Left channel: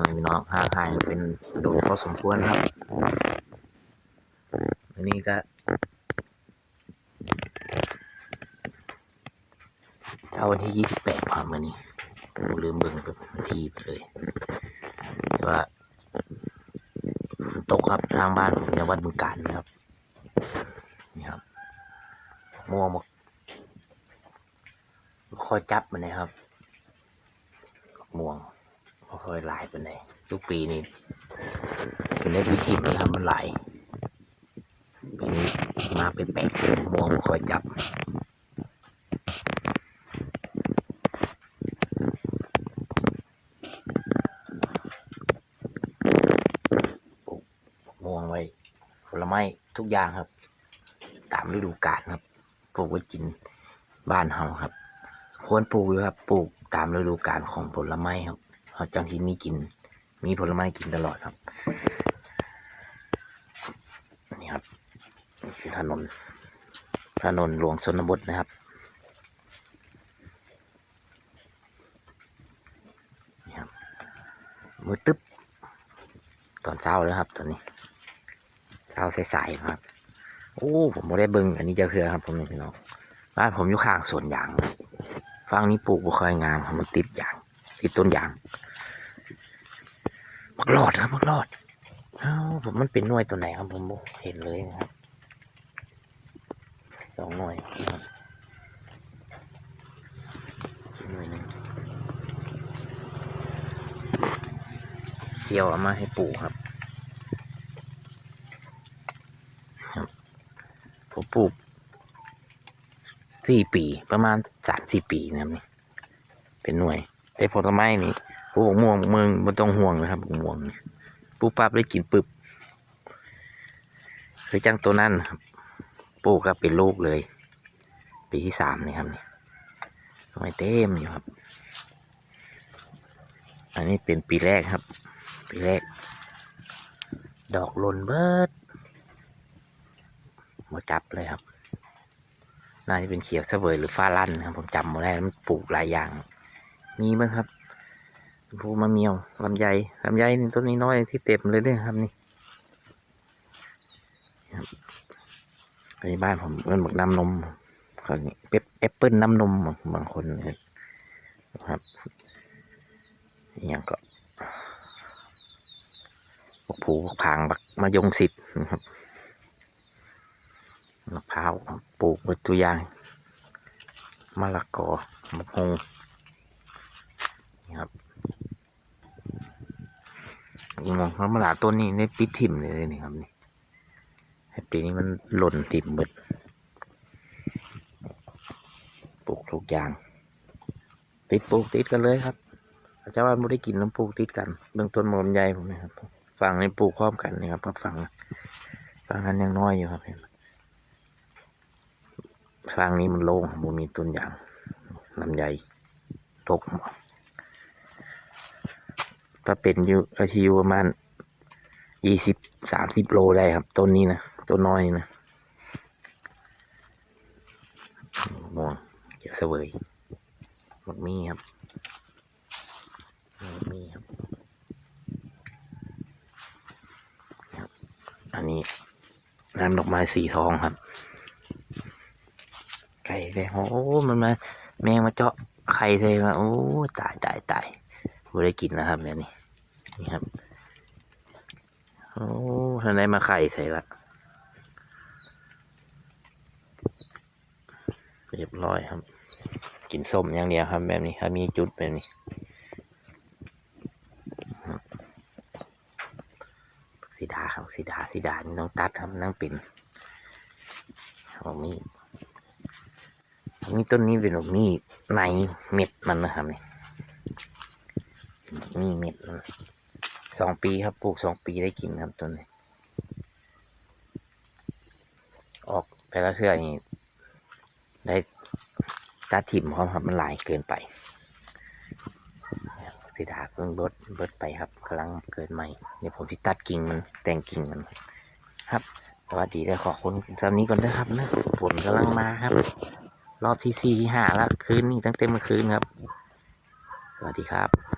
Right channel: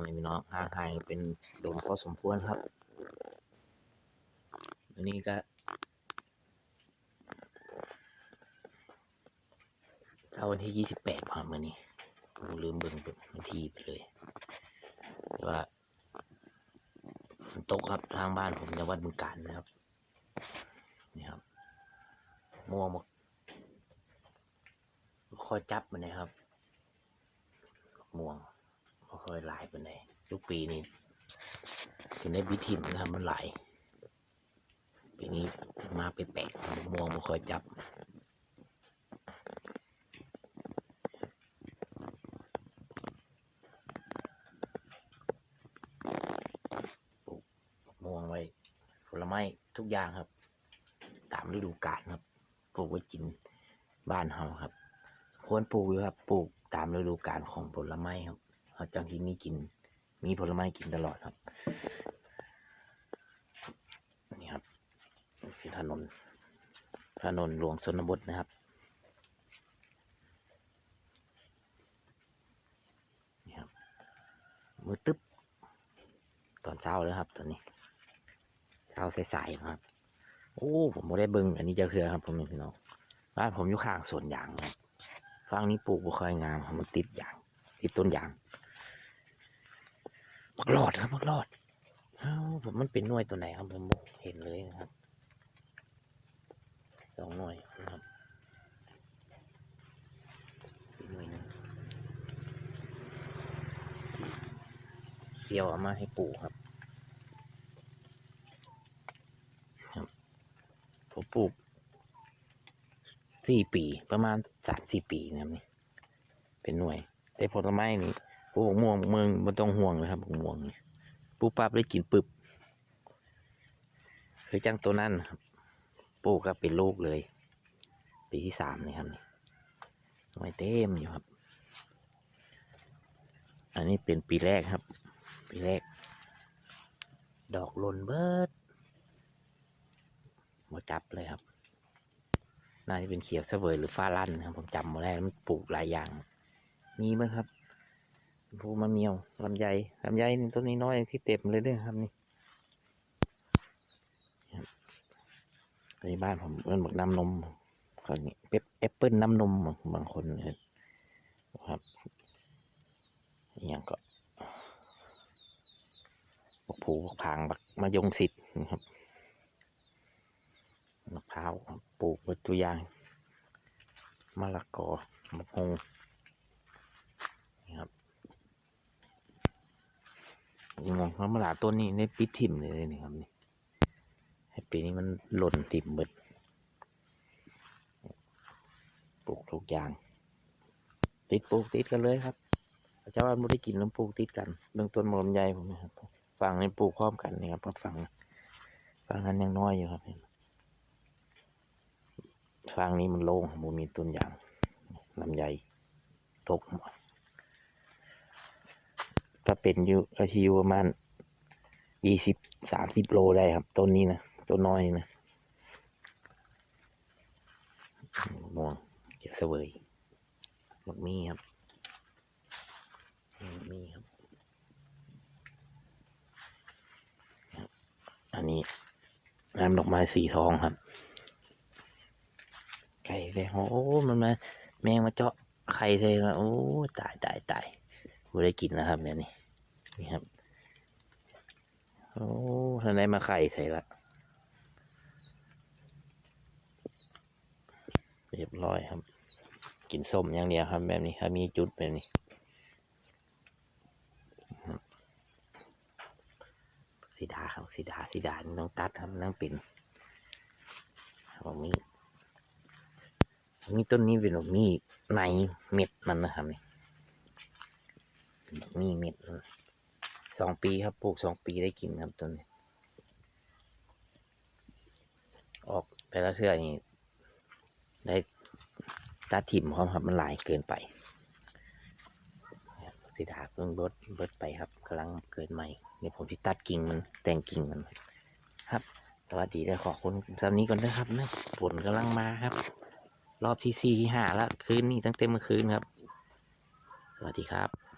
ผมพี่น้องห่างหายเป็นโดนพอสมควรครับอันนี้ก็เอาวันที่28ครับวันนี้ผมลืมเบิ่งวันที่ไปเลยแต่ว่าฝนตกครับทางบ้านผมในวัดบึงกาฬนะครับนี่ครับม่วงมาคอยจับมันนะครับม่วงค่อยหลายไปไหนทุกปีนี้เป็นได้พิธีมันทำมันหลายปีนี้มาเป็นแปดม่วงมาคอยจับม่วงไว้ผลไม้ทุกอย่างครับตามฤดูกาลครับปลูกไว้กินบ้านเฮาครับควรปลูกอยู่ครับปลูกตามฤดูกาลของผลไม้ครับเขาจังที่มีผลไม้กินตลอดครับนี่ครับคือถนนหลวงชนบทนะครับนี่ครับมือตึ๊บตอนเช้าเลยครับตอนนี้เช้าสายๆครับโอ้ผมไม่ได้เบิ่งอันนี้จะคือครับผมพี่น้องบ้านผมอยู่ข้างสวนยางฝั่งนี้ปลูกบุคอยงามมันติดยางติดต้นยางมักรอดครับมักรอดผมมันเป็นหน่วยตัวไหนครับผมเห็นเลยนะครับ2 หน่วยนะครับหน่วยนึงเสี่ยวเอามาให้ปลูกครับผมปลูก4 ปีประมาณ3-4 ปีนะครับนี่เป็นหน่วยแต่ผลไม้นี่ปลูกม่วงมึงมันต้องห่วงนะครับม่วงปลูกปั๊บได้กินปึ๊บคือจังตัวนั้นครับปลูกก็เป็นลูกเลยปีที่3นี่ครับนี่ทำไมเต็มอยู่ครับอันนี้เป็นปีแรกครับปีแรกดอกหล่นเบิดมาจับเลยครับน่าจะเป็นเขียวเสวยหรือฟ้าลั่นครับผมจำมาได้มันปลูกหลายอย่างมีมั้งครับภูมะเมียวลำไยนี่ต้นนี้น้อยที่เต็มเลยด้วยครับนี่อันนี้บ้านผมเป็นหมึกน้ำนมคนนี้แอปเปิ้ลน้ำนมบางคนนะครับอย่างก็ผูกพางบักมะยงสิทธิ์นะครับมะพร้าวปลูกเป็นตัวอย่างมะละกอมะฮงนี่ครับยิงมองมะละต้นนี้ในปิดถิ่มเลยนี่ครับนี่ปีนี้มันหล่นถิ่มหมดปลูกทุกอย่างปลูกติดกันเลยครับชาวบ้านไม่ได้กินน้ำปลูกติดกันเบื้องต้นมันใหญ่ผมนะครับฝั่งนี้ปลูกพร้อมกันนะครับฝั่งนั้นยังน้อยอยู่ครับฝั่งนี้มันโล่งมันมีต้นยางลำไยตกถ้าเป็นอายุประมาณ20-30 โลได้ครับต้นนี้นะต้นน้อยนะม่วงเขียวเสวยหมดมีครับอันนี้น้ำดอกไม้สีทองครับไก่เลยโอ้มันมาแมงมาเจาะไข่เลยมาโอ้ตายไม่ได้กินนะครับแบบนี้นี่ครับโอ้ท่านได้มาไข่ใส่ละเรียบร้อยครับกินส้มอย่างเดียวครับแบบนี้ครับมีจุดแบบนี้สีดาครับสีดานี่ต้องตัดครับนั่งปิ่นมีต้นนี้เป็นมีในเม็ดมันนะครับนี่มีเม็ดมัน2 ปีครับปลูก2 ปีได้กินครับต้นนี้ออกแต่ละเทื่อนี่ได้ตาถิ่มหอมครับมันหลายเกินไปสีดาเพิ่งเบิดไปครับกำลังเกิดใหม่เดี๋ยวผมจะตัดกิ่งมันแต่งกิ่งมันครับสวัสดีเลยขอบคุณตามนี้ก่อนนะครับนะฝนกำลังมาครับรอบที่4 ที่ 5แล้วคืนนี้ตั้งแต่เมื่อคืนครับสวัสดีครับ